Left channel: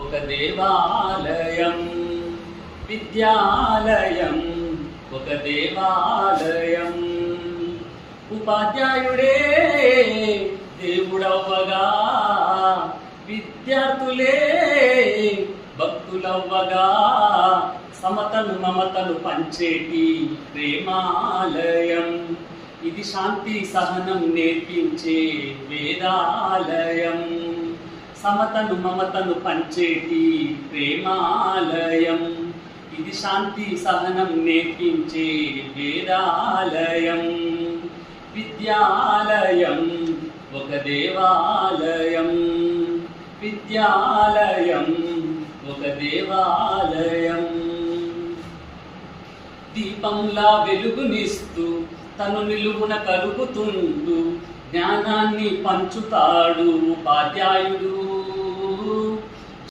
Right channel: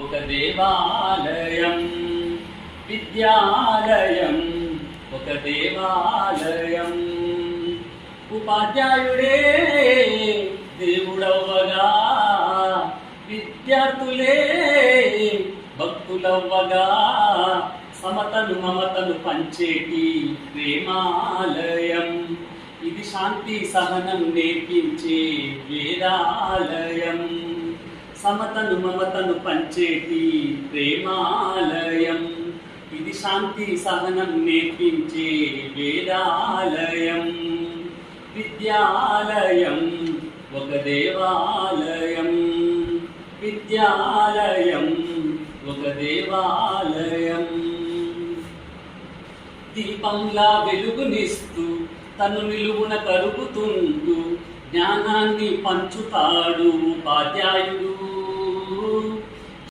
ఒక దేవాలయం విద్యాలయం, ఒక దేవాలయం. ఉపాధ్యాయుడే దేవుడవ్వగా, విద్యార్థులే భక్తులవ్వగా, సమతను మమతను పంచేటి ప్రేమాలయం. ఇది శాంతి సహనం నేర్పించే వేదాలయం. సమతను మమతను పంచేటి ప్రేమాలయం. ఇది శాంతి సహనం నేర్పించే వేదాలయం. విద్యాలయం ఒక దేవాలయం, విద్యాలయం ఒక దేవాలయం. దీపంలా వెలుగునిస్తూ తను నిలువున కలుగుతుంటూ జ్ఞానాన్ని పంచుతాడు ఉపాధ్యాయుడు.